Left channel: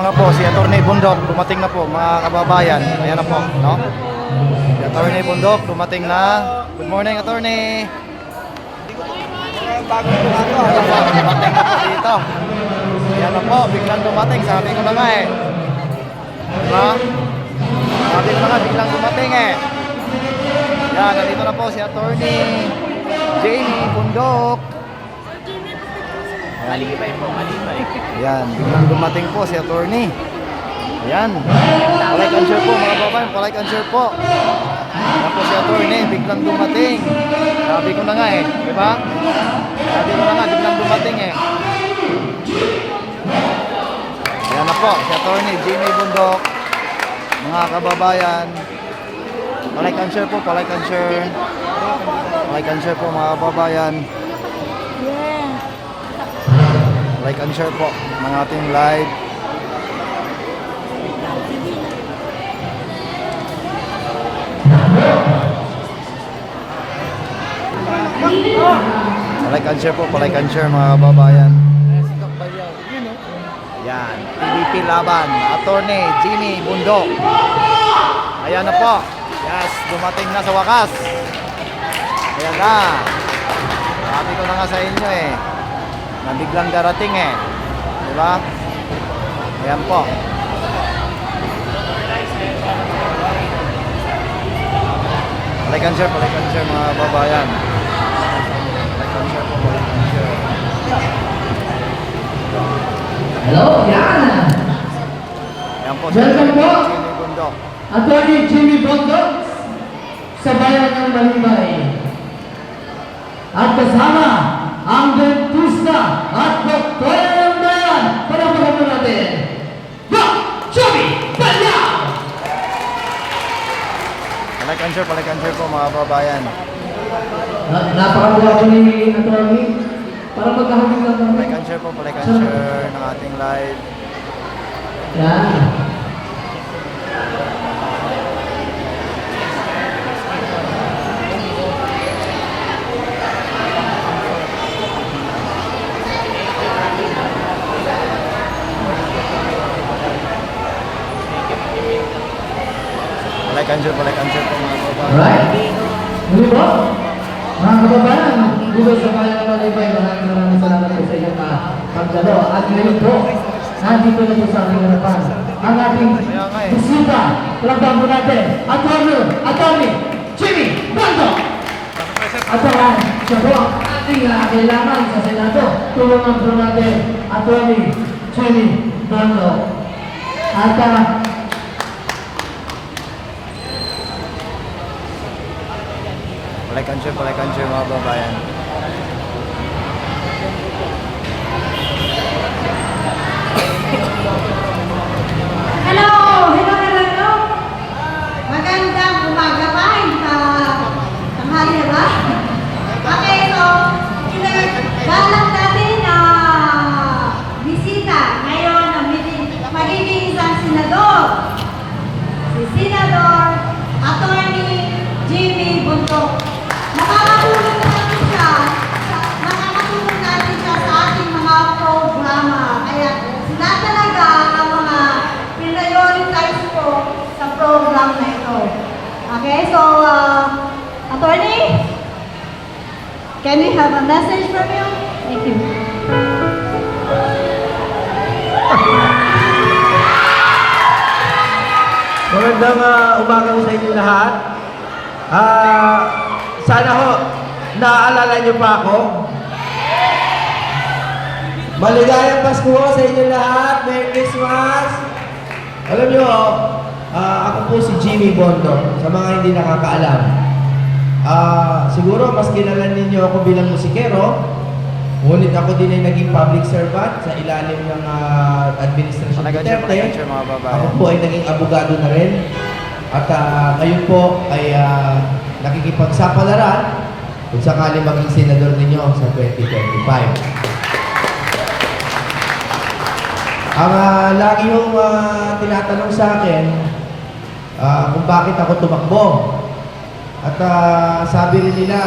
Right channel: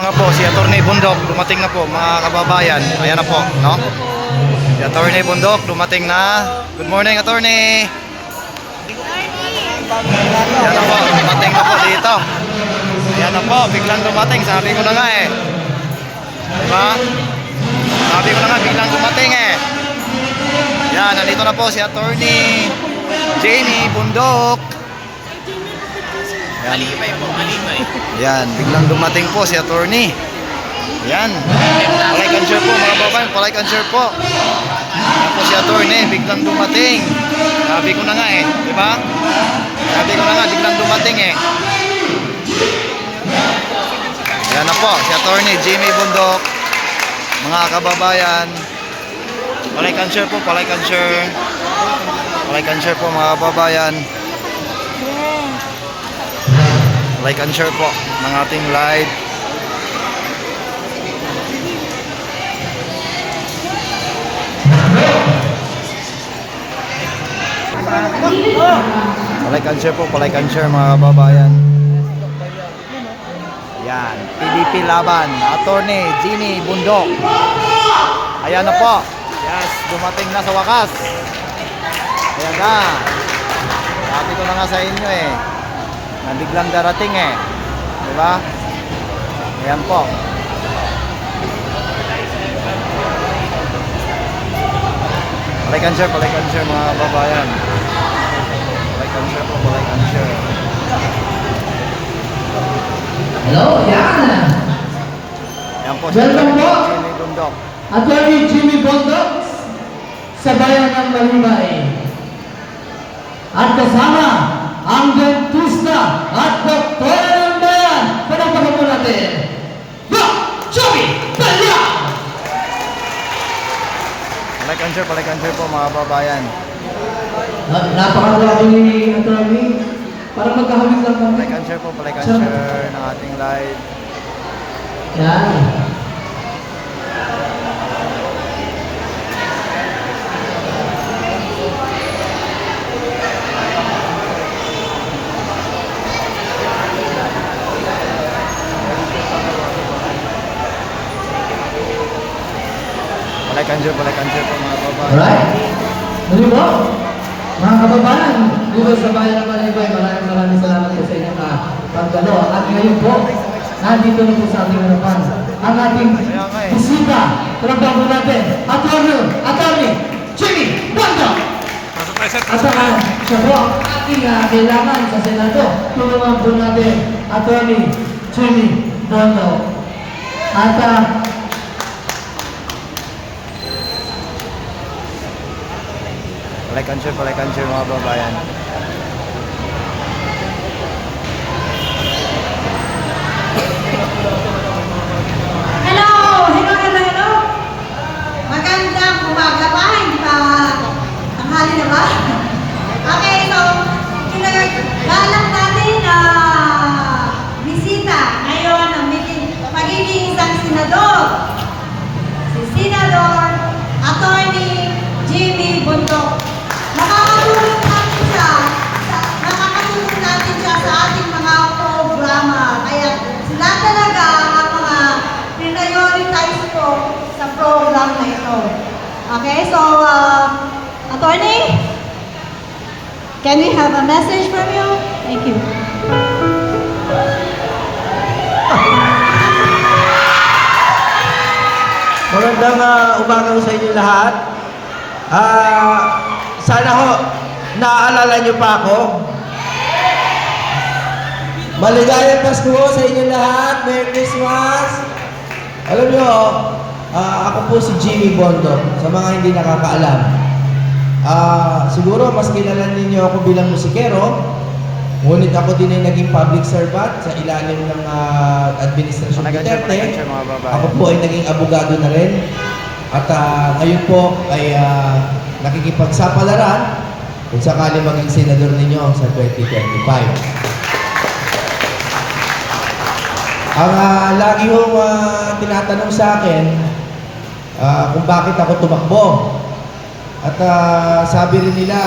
Mga po, si Attorney Bundok dumating na po mga kababayan. Ayan na po, no? Si Attorney Bundok dumating na. Good morning, Attorney. Ayan na po, dumating na po dito. Ayan na po, biglang dumating. Sabi ko na nga eh. Diba? Sabi ko na nga, biglang dumating eh. Ayan, nandito na po si Attorney Jamie Bundok. Ayan. Ayan, biglang dumating po si Attorney. Ayan. Palike and share po mga babae, palike and share po. Ayan po si Attorney, biglang dumating. Sabi ko na nga eh, di ba? Sabi ko na nga, biglang dumating eh. Ayan na po, si Attorney Jamie Bundok. Mga kababayan, palike and share po, palike and share. Palike and share po mga kababayan. Like and share po ng ating live. Like and share po, like and share mga kababayan. Yan, PBP laban, Attorney Jamie Bundok. Ayan na po. Yes, dumating na sa wakas. Ayan na. Sabi ko na nga sa inyo eh, na biglang darating eh. Diba? Ayan po. Like and share mga babayan. Like and share po, like and share. Hello, yan. Ayan po, si Jamie Bundok. Attorney Jamie Bundok sa bayan ng Malibay. At kasama ang dentista at doktora ng bayan. Panapagan po natin, Doc Joey Balyao! Like and share po mga babayan. Napakalaki ni Attorney. Para magkahagin lang kami. Like and share po, like and share ng ating live. Yan. Like and share po mga babayan. Alright. Muli po, mga kababayan, dito sa bayan ng Malibay, maraming salamat po sa inyong pagdalo. At ngayon po, nandito na po sa ating harapan ang ating bisita. Talagang po natin, Attorney Jamie Bundok. At siya po ang ating kailangan sa Senado. Tulungan po natin, Attorney Jamie Bundok. At like and share mga babayan. Hello. Magandang umaga pa. Tanghali na ba? Okay, so, galang natin bisita ngayon ang magiging isang senador. Si Senador Attorney Jamie Bundok. Nakakatulong natin siya sa ating mga programa. Kaya sila talaga ang mga prioritize ko sa program na ito. Okay, so Attorney, can we have a message from you? Thank you. magandang umaga sa inyo lahat. Sana ho, naaalala niyo pa ako. Maligayang Pasko sa inyo lahat. Merry Christmas. Alam niyo, ako po si Jamie Bundok. Sa mga hindi nakakaalam. Siguro mas kilala ninyo ako bilang musikero. Ngunit ako din ay naging public servant sa ilalim ng administrasyon Duterte. Mga babayan. Ako po ay naging abogado na rin. At ngayon po ay nakikipagsapalaran kung sakali maging senador ninyo sa 2025. Ang lagi hong tinatanong sa akin kung bakit ako tumakbo. At sabi rin nila,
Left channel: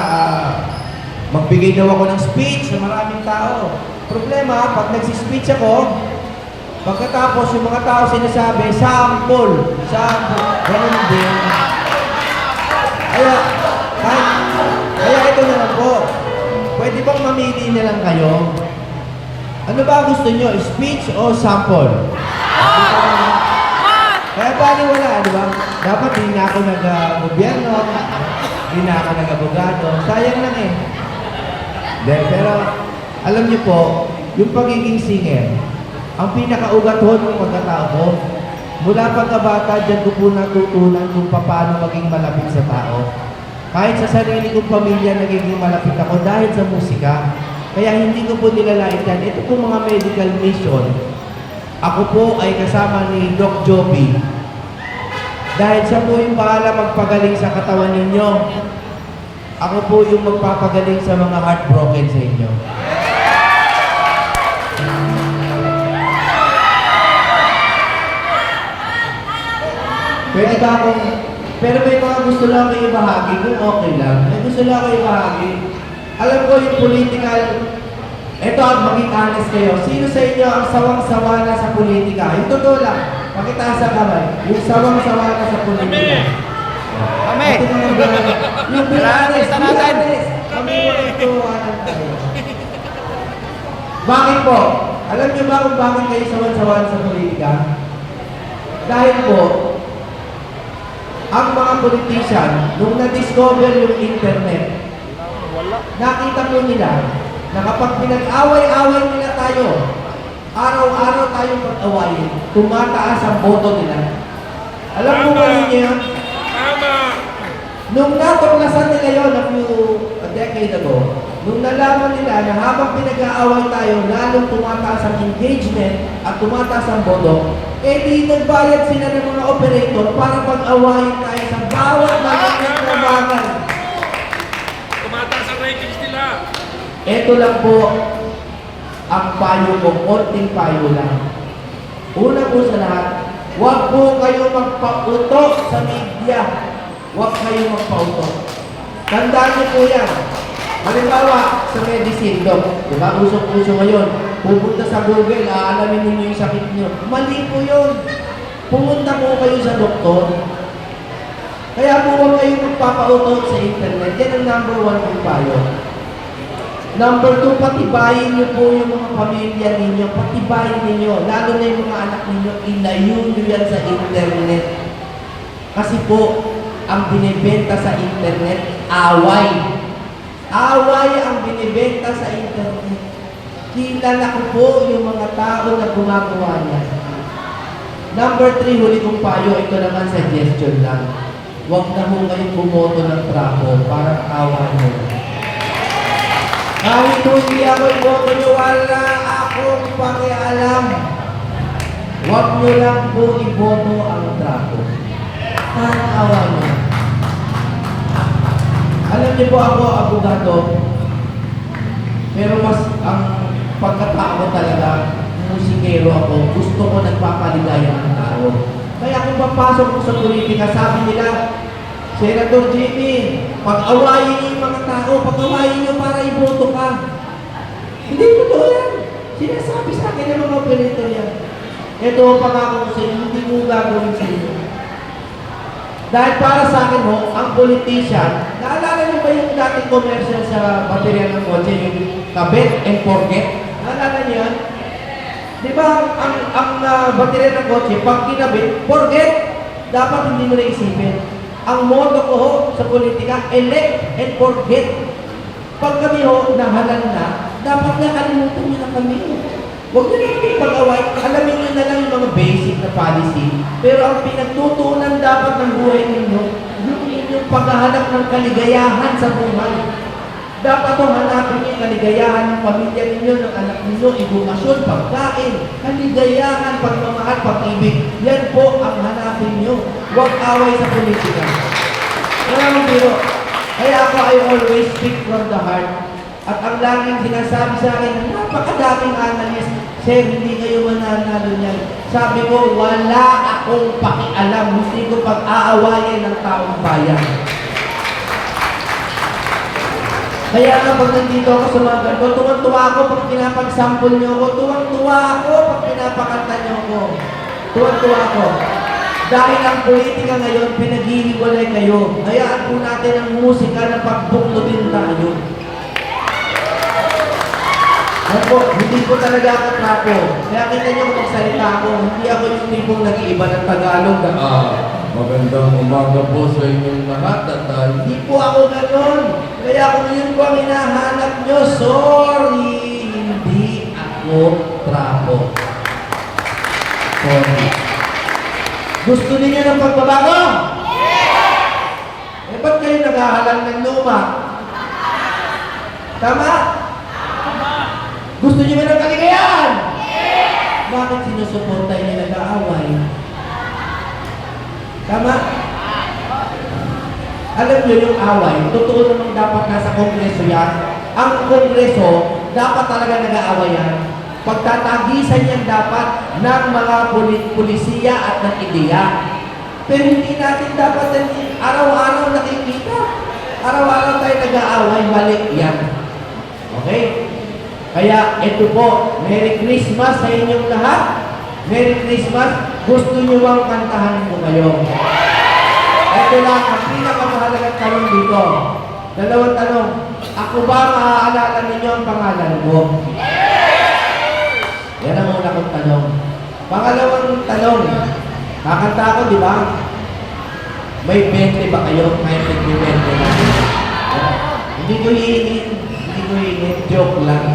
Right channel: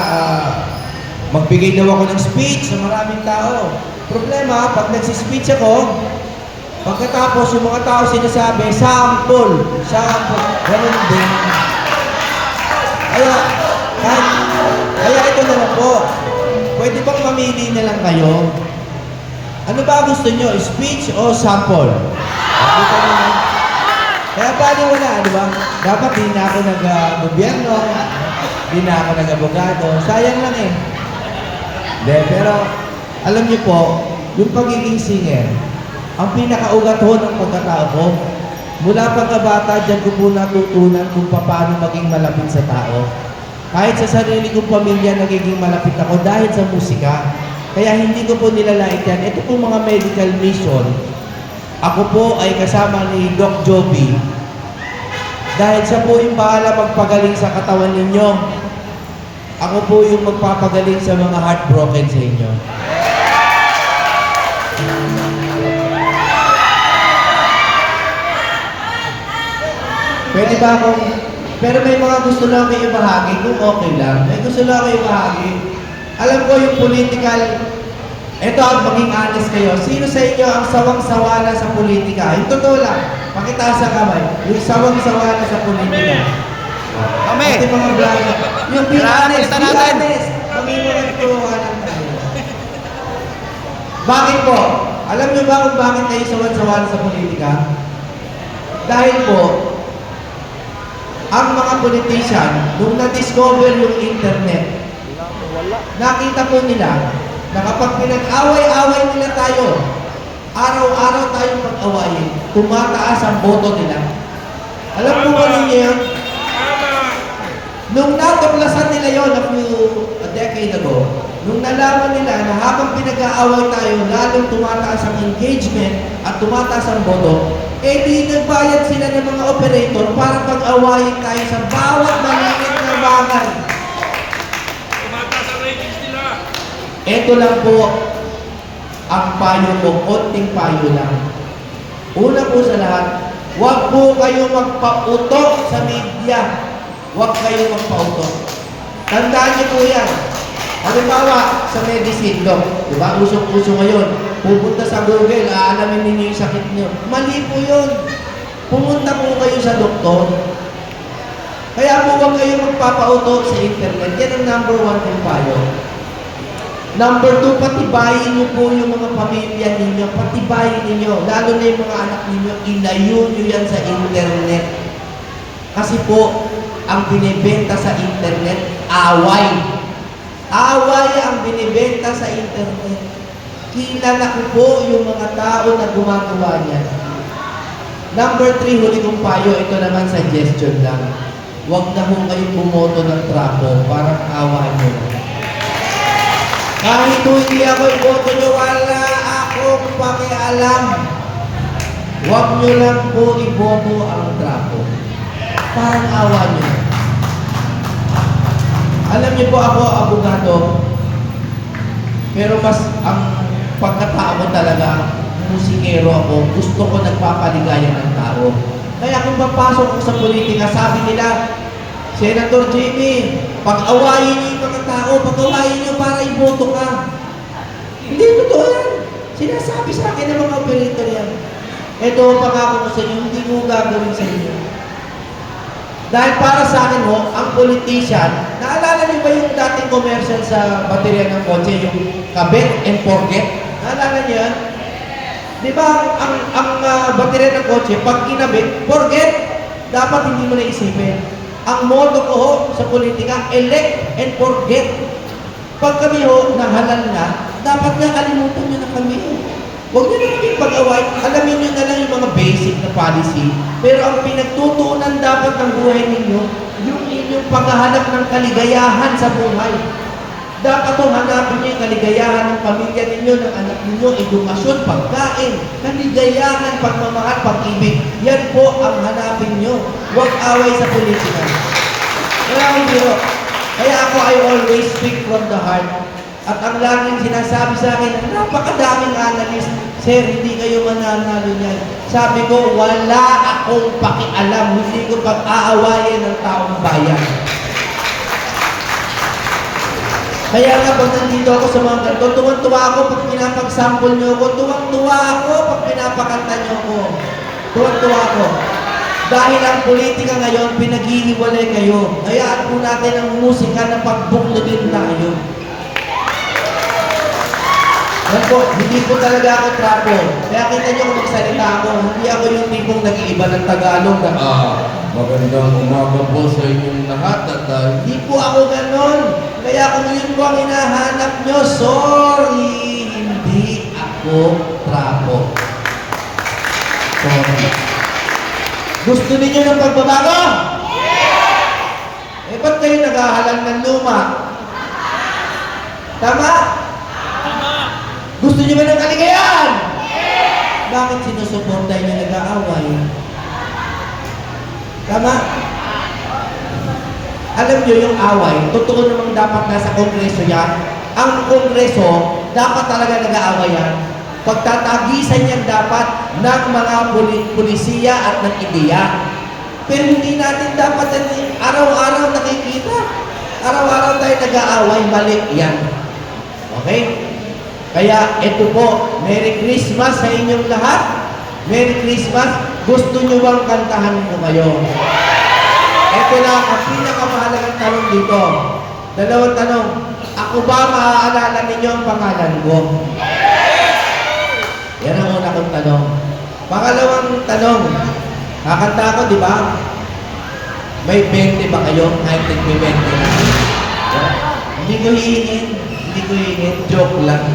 magbigay daw ako ng speech sa maraming tao. Problema, pag nagsispeech ako, Pagkatapos, yung mga tao sinasabi, sample, sample, ganun din. Kaya, kaya ito na lang po. Pwede bang mamili na lang kayo? Ano ba gusto nyo? Speech o sample? Dito na. Kaya paano wala, di ba? Dapat hindi na ako nag-gobyerno, hindi na ako nag-abogado. Sayang lang eh. De, pero alam niyo po, yung pagiging singer, ang pinakaugat ho ng pagkatao ko, mula pagkabata, dyan ko po natutunan kung paano maging malapit sa tao. Kahit sa sarili kong pamilya, nagiging malapit ako dahil sa musika. Kaya hindi ko po nilalait yan. Ito po mga medical mission. Ako po ay kasama ni Doc Joby. Dahil siya po yung bahala magpagaling sa katawan ninyo. Ako po yung magpapagaling sa mga heartbroken sa inyo. Pwede ba akong... Pero may mga gusto lang kayo bahagi kung okay lang. May gusto lang kayo bahagi. Alam ko yung political... Ito, maging honest kayo. Sino sa inyo ang sawang-sawa na sa politika? Yung totoo lang. Pakitaas sa kamay. Yung sawang-sawa na sa politika. Kami. Yung Kailangan gusto natin. Kami mo nagtuwanan tayo. Bakit po? Alam niyo ba kung bakit kayo sawan-sawa sa politika? Dahil po, ang mga politician, nung na-discover yung internet, nakita po nila na kapag pinag-away-away nila tayo, araw-araw tayong pag-awayin, tumataas ang boto nila. Alam mo ba ninyo yun? Nung natuklasan nila yun a decade ago, nung nalaman nila na habang pinag-aaway tayo, lalong tumataas ang engagement at tumataas ang boto, eh di nagbayad sila ng mga operator para pag-awayin tayo sa bawat maliit na bagay. Tumataas ang ratings nila. Ito lang po ang payo ko, konting payo lang. Una po sa lahat, huwag po kayo magpauto sa media. Huwag kayo magpauto. Tandaan niyo po yan. Halimbawa, sa medicine, Doc, diba? Usok-uso ngayon. Pupunta sa Google, aalamin ninyo yung sakit niyo. Mali po yun. Pumunta po kayo sa doktor. Kaya po huwag kayo magpapauto sa internet. Yan ang number 1 po payo. Number 2, patibayin niyo po yung mga pamilya ninyo. Patibayin ninyo. Lalo na yung mga anak ninyo, ilayo niyo yan sa internet. Kasi po, ang binibenta sa internet, away. Away ang binibenta sa internet. Kilala ko po yung mga tao na gumagawa niya. Number 3, huli kong payo, ito naman suggestion lang. Huwag na ho kayong bumoto ng trapo para awa niyo. Kahit hindi ako iboto niyo, wala akong pakialam. Huwag niyo lang po iboto ang trapo. Para awa niyo. Alam niyo po ako, abogado, pero mas ang pagkatao ko talaga, musikero ako, gusto ko nagpapaligaya ng tao. Kaya kung papasok ako sa politika, sabi nila, Senator Jimmy, pag-awayin niyo yung mga tao, pag-awayin niyo para iboto ka. Hindi totoo yan. Sinasabi sa akin ng mga operator yan. Ito, pangako ko sa inyo, hindi ko gagawin sa inyo. Dahil para sa akin ho, ang politician, naalala niyo ba yung dating commercial sa baterya ng kotse, yung kabit and forget? Naalala niyo yan? Di ba, ang baterya ng kotse, pag kinabit, forget, dapat hindi mo na isipin. Ang motto ko ho sa politika, elect and forget. Pag kami ho, nahalal na, dapat na kalimutan niyo na kami. Huwag niyo na kami pag-away. Alamin niyo na lang yung mga basic na policy. Pero ang pinagtutuunan dapat ng buhay ninyo, yung inyong paghahanap ng kaligayahan sa buhay. Dapat ho, hanapin niyo yung kaligayahan ng pamilya ninyo, ng anak ninyo, edukasyon, pagkain, kaligayahan, pagmamahal, pag-ibig. Yan po ang hanapin niyo. Huwag away sa politika. Kaya ako, I always speak from the heart. At ang laging sinasabi sa akin, napakadaming analyst, Sir, hindi kayo mananalo niyan. Sabi ko, wala akong pakialam. Hindi ko pag-aawayin ng taong bayan. Kaya nga pag nandito ako sa mga ganito, tuwan-tuwa ako pag pinapag-sample niyo ako, tuwan-tuwa ako pag pinapakanta niyo ako. Tuwan-tuwa ako. Dahil ang politika ngayon, pinaghihiwalay kayo. Hayaan po natin ang musika na pagbuklutin tayo. Yan po, hindi po talaga ako trapo. Kaya kita niyo kung magsalita ako, hindi ako yung tipong nag-iiba ng Tagalog. Magandang umaga po sa inyong lahat at Hindi po ako ganon. Kaya kung yun po ang hinahanap nyo, sorry, hindi ako trapo. Sorry. Gusto niyo ng pagbabago? Eh, ba't kayo naghahalal ng luma? Tama? Gusto niyo ba ng kaligayahan? Bakit sinusuporta niyo nag-aaway? Tama? Alam niyo yung away, totoo namang dapat nasa kongreso yan. Ang kongreso, dapat talaga nag-aaway yan. Pagtatagisan yan dapat ng mga pulisiya at ng ideya. Pero hindi natin dapat araw-araw nakikita. Araw-araw tayo nag-aaway, balik yan. Okay? Kaya ito po, Merry Christmas sa inyong lahat. Merry Christmas. Gusto nyo bang kantahan ko kayo? Ito na ang pinakamahalagang tanong dito. Dalawang tanong. Ako ba maaalala ninyo ang pangalan ko? Yan ang una kong tanong. Pangalawang tanong. Kakanta ako, di ba? May 20 ba kayo? Kahit may 20 na. Hindi ko hihingin. Hindi ko hihingin. Joke lang.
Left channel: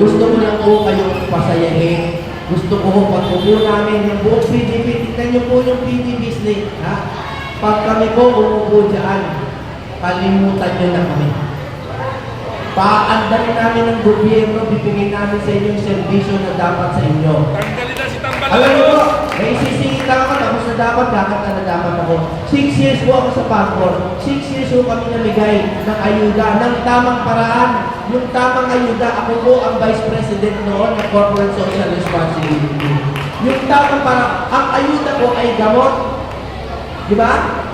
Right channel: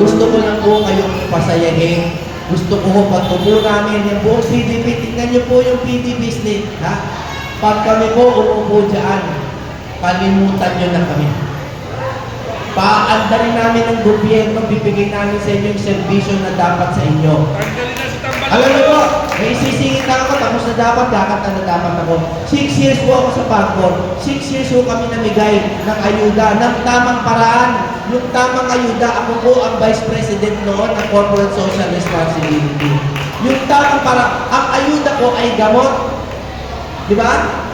Gusto ko lang po kayong pasayahin. Gusto ko po pag-upo namin yung buong PDB. Tignan niyo po yung PDB slate. Ha? Pag kami po umupo dyan, kalimutan niyo na kami. Paanda rin namin ng gobyerno, bibigyan namin sa inyo yung servisyo na dapat sa inyo. Tanggalin na si Tambalaw. Alam niyo po, may sisingit ako, tapos na dapat, dapat na dapat ako. 6 years po ako sa Pangkor. 6 years po kami namigay ng ayuda, ng tamang paraan. Yung tamang ayuda, ako po ang Vice President noon ng Corporate Social Responsibility. Yung tamang paraan, ang ayuda po ay gamot. Di ba?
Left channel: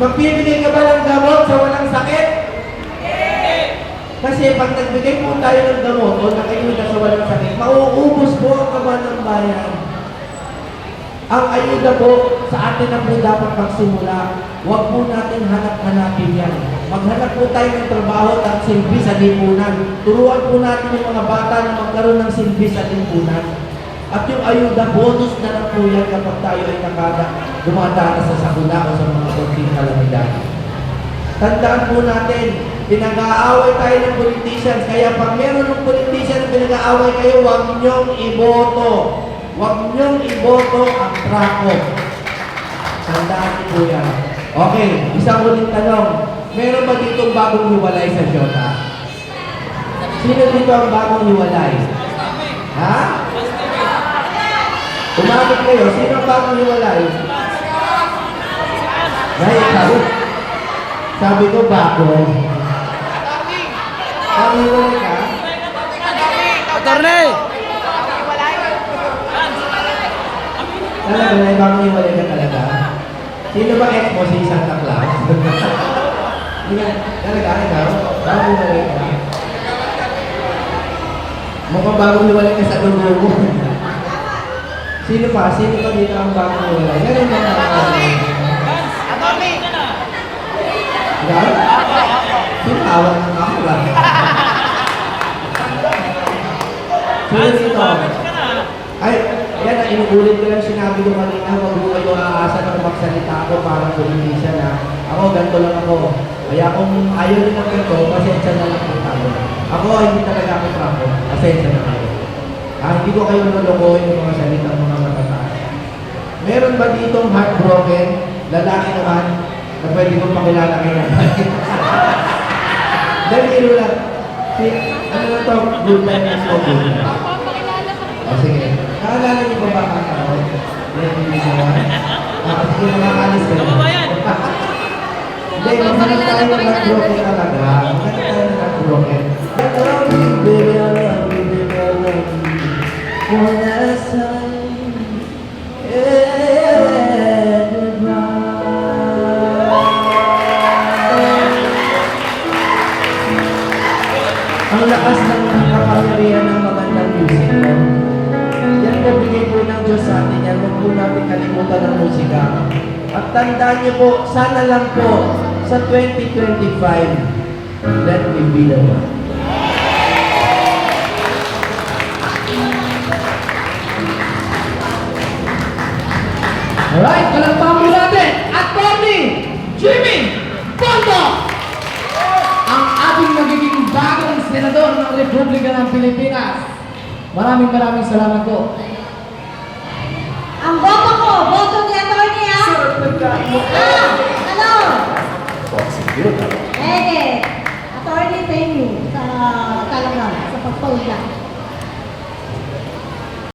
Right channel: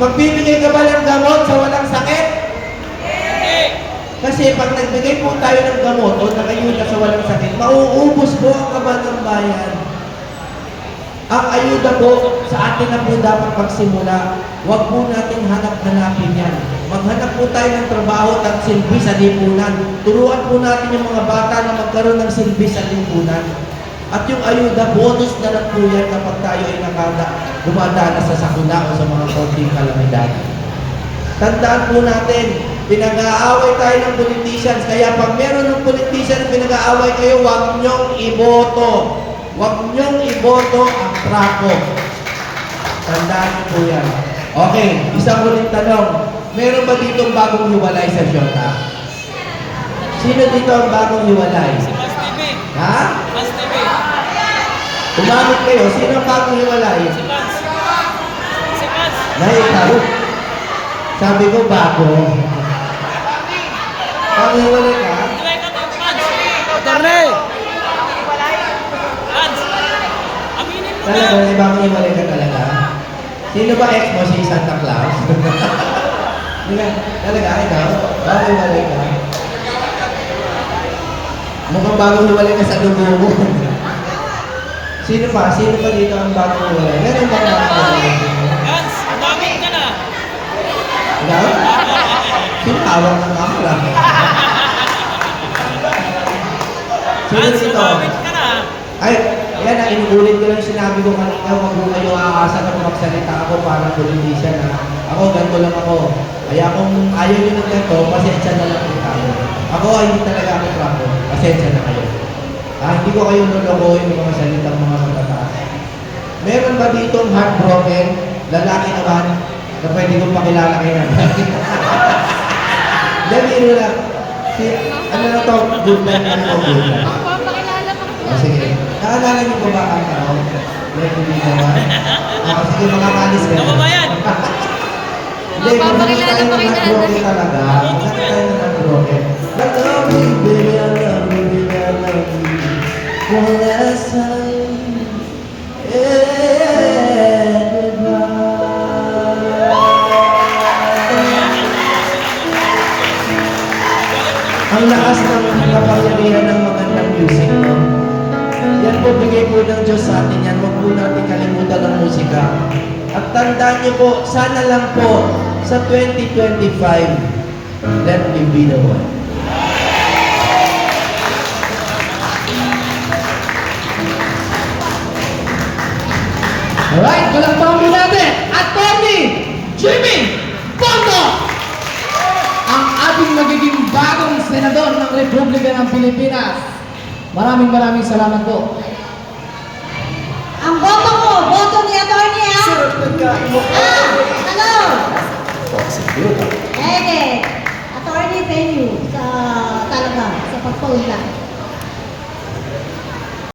Magbibigay ka ba ng gamot sa walang sakit? Kasi pag nagbigay po tayo ng gamot o ng ayuda sa walang sakit, mauubos po ang kaban ng bayan. Ang ayuda po, sa atin na po dapat magsimula. Huwag po natin hanap-hanapin yan. Maghanap po tayo ng trabaho at silbi sa lipunan. Turuan po natin yung mga bata na magkaroon ng silbi sa lipunan. At yung ayuda, bonus na lang po yan kapag tayo ay dumadaan sa sakuna o sa mga konting kalamidad. Tandaan po natin, pinag-aaway tayo ng politicians. Kaya pag meron ng politicians pinag-aaway kayo, huwag niyong iboto. Huwag niyong iboto ang trapo. Tandaan niyo po yan. Okay, isang ulit tanong. Meron ba dito bagong hiwalay sa Shota? Sino dito ang bagong hiwalay? Ha? Umamit kayo. Sino ang bagong hiwalay? Ikaw. Sabi ko bago. Bagong hiwalay ka? Attorney! Talaga, may bagong hiwalay ka talaga? Sino ba ex mo si Santa Claus? Talaga, ikaw? Bagong hiwalay ka? Mukhang bagong hiwalay ka sa dugo mo. Sino pa? Sino pa dito ang bagong hiwalay? Meron ba ang bagong hiwalay? Ikaw? Sinawag ng kamera. Sino dito? Ay, yan na, inuulit ko lang sinabi ko kanina, wag mo kayo aasa na magsalita ako para politician na. Ako, ganito lang ako. Kaya kung ayaw nyo ng ganito, pasensya na lang po tayo. Ako, hindi talaga ako trapo. Pasensya na kayo. Hindi ko kayo lulukuhin yung mga salita ng mga matataan. Meron ba ditong heartbroken, lalaki naman, na pwede kong pakilala kayo naman? Dahil lang. Ano na to? Good life na ako, good life. O sige. Naalala niyo ba ang tao? Sige, mga kalis ka na. Hindi, maghanap tayo ng heartbroken talaga. Maghanap tayo ng heartbroken. One last time, yeah, goodbye. po natin kalimutan ng musika. At tandaan niyo po, sana lang po sa 2025, let me be the one. Alright, palagpakan po natin, Atty. Jimmy Bondo! Ang ating magiging bagong senador ng Republika ng Pilipinas. Maraming salamat po. Ang boto